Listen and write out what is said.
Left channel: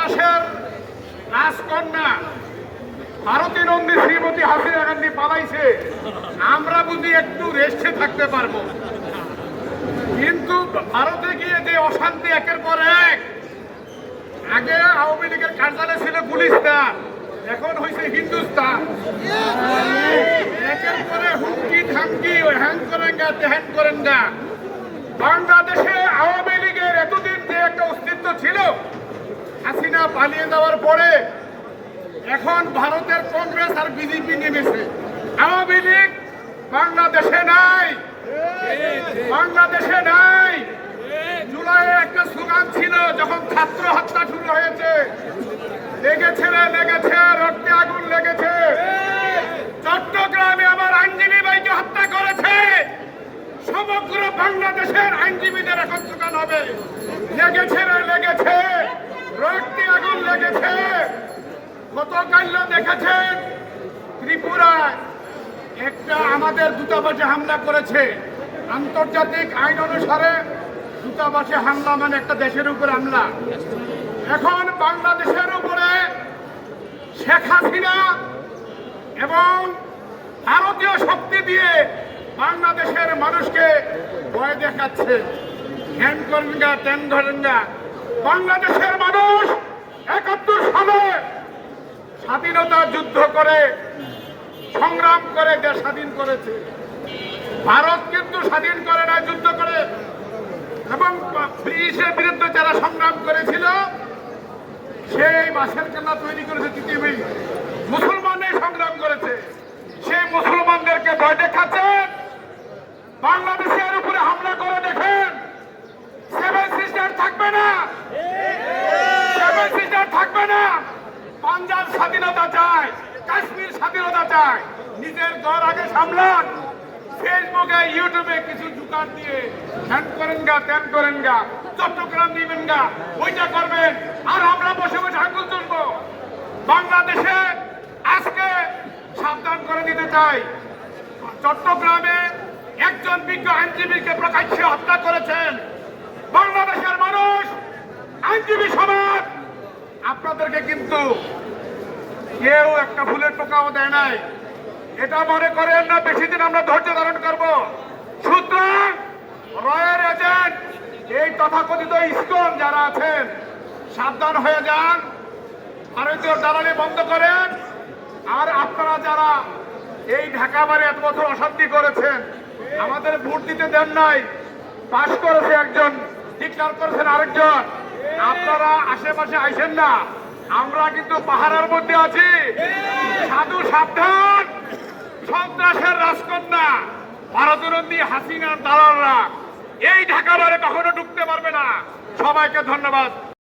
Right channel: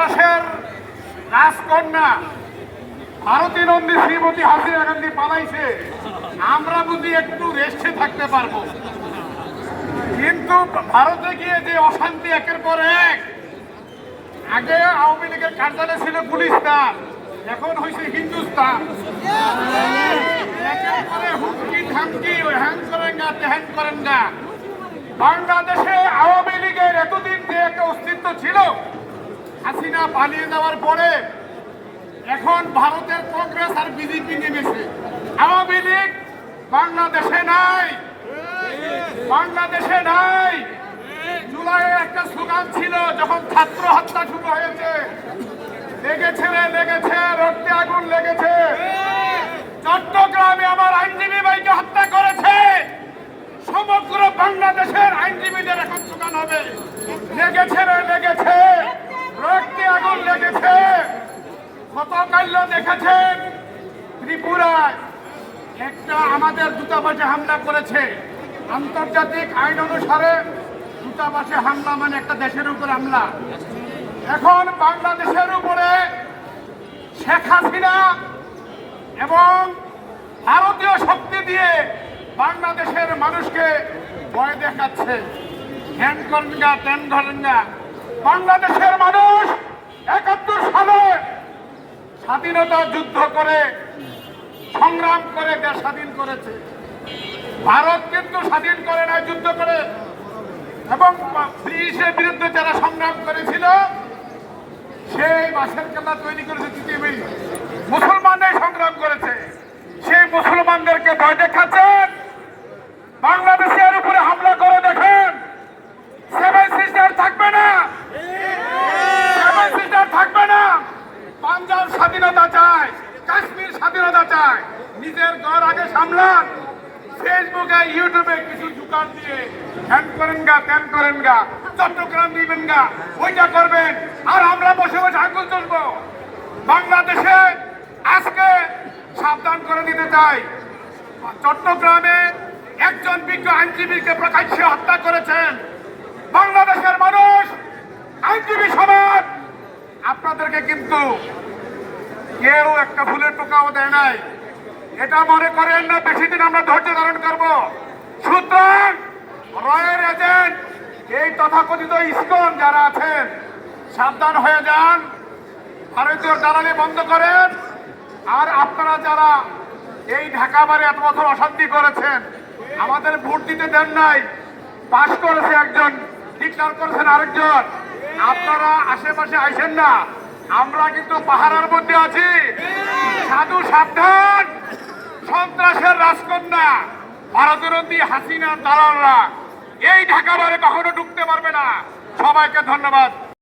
সন্ত্রাসের রাজকন্যা ভারতী নন্দী শ্রীমতী হাসিনা গান্ধী পালাইছে, আমরা বুঝি একটু রেস্টে থাকতে পারবো, কিন্তু ভারতে গিয়ে যে অশান্তি একের পর এক, আগে আওয়ামী লীগের কার্যালয় ছিল গুলিস্তান, এখন হয়েছে হিন্দুস্তান। একের পরে হুমকি ধামকি, হ্যাং করেন গা তেহ্যান করেন গা। বাংলাদেশে আওয়ামী লীগের এতদিন যে একটা অস্তিত্ব ছিল, হাসিনা পালিয়ে যাওয়ার পরে এখন ভারতের কংগ্রেস আর বিজেপি নেমেছে। আওয়ামী লীগ বাংলাদেশে নাই, বাংলাদেশে নাই। জুলাইয়ে একটা স্লোগান ছিল যখন ছাত্র হত্যা শুরু হয়েছে, লেগেছে রে লেগেছে, রক্তে আগুন লেগেছে। চট্টগ্রামে আমার আইনজীবী ভাইকে হত্যা করেছে, সমগ্র বাংলাদেশের আইনজীবীদের এখন স্লোগান হবে লেগেছে রে লেগেছে, রক্তে আগুন লেগেছে। গতকাল দেখেছেন ত্রিপুরায় একটা আমাদের দূতাবাসে হামলা করেছে। আন্তর্জাতিক আইন অনুসারে দূতাবাসে হামলা মানে একটা দেশের উপর হামলা। এখন বাংলাদেশের উপরে শেখ হাসিনা এবং ভারতীয় শক্তি দিয়ে বাংলাদেশের মানুষকে ভয় দেখাচ্ছে, হ্যান করেন গা ত্যান করেন গা। বাংলাদেশের মানুষ ৭১ সালে স্বাধীনতা যুদ্ধ করে সংগ্রাম করে দেশ স্বাধীন করেছে। ভারত কিন্তু স্বাধীন করে না, যুদ্ধ করে। এবং ব্রিটিশের বিরুদ্ধে যারা সংগ্রাম করেছিল সেই বাঁশের কেল্লা তৈরি করেছে পৃথিবী, মুসলমানরাই সংগ্রাম করেছে। সেই মুসলমানদেরকে ভয় দেখাচ্ছেন, বাংলাদেশের উপরে হামলা করে দেখেন, সেভেন সিস্টার থাকবে না, সেভেন সিস্টার থাকবে না। পাঞ্জাব স্বাধীনতা চায়, কাশ্মীর স্বাধীনতা চায়, নিজের ঘর আগে সামলান। ফেসবুকে ইউটিউবে কিছু দোকান দিয়ে হ্যান করেন গা ত্যান করেন গা, চট্টগ্রাম দিবেন গা, ওইটা করবেন, আর আমরা বসে বসে আঙ্গুল চলবো। বাংলাদেশে আজকে সাবধান করে দিতে চাই, চট্টগ্রামে একজন বিজ্ঞ আইনজীবীকে প্রকাশ্যে হত্যা করেছেন। বাংলাদেশের মানুষ, আইনজীবী সমাজ আপনাদেরকে কিন্তু কেউ একটা ফুলের টোকাও দেয় নাই, এটা মনে করেন না বেশি দিন আমরা ধৈর্য ধারণ করব। সুতরাং রয়ের এজেন্ট, এই তথাকথিত ইসকন যারা আছেন, সাবধান হয়ে যান, ভারতীয় দালালি বন্ধ করেন। আর আপনারা যারা এই ঢাকা বারে এত বছর অশান্তি করেছেন, আমাদের ভোট দিতে দেন নাই, পাশ করেছে একজন, ডিক্লার করেছেন আরেকজন, আপনারা আশেপাশে আইসেন না, আমরা কিন্তু পাহাড়ের মধ্যে আছি। সাধু সাবধান, সন্ত্রাসের রাজকন্যা ভারতী হাসিনার দালালরা এই ঢাকা বারে কখনো ঢুকতে পারবে না। সবাইকে ধন্যবাদ।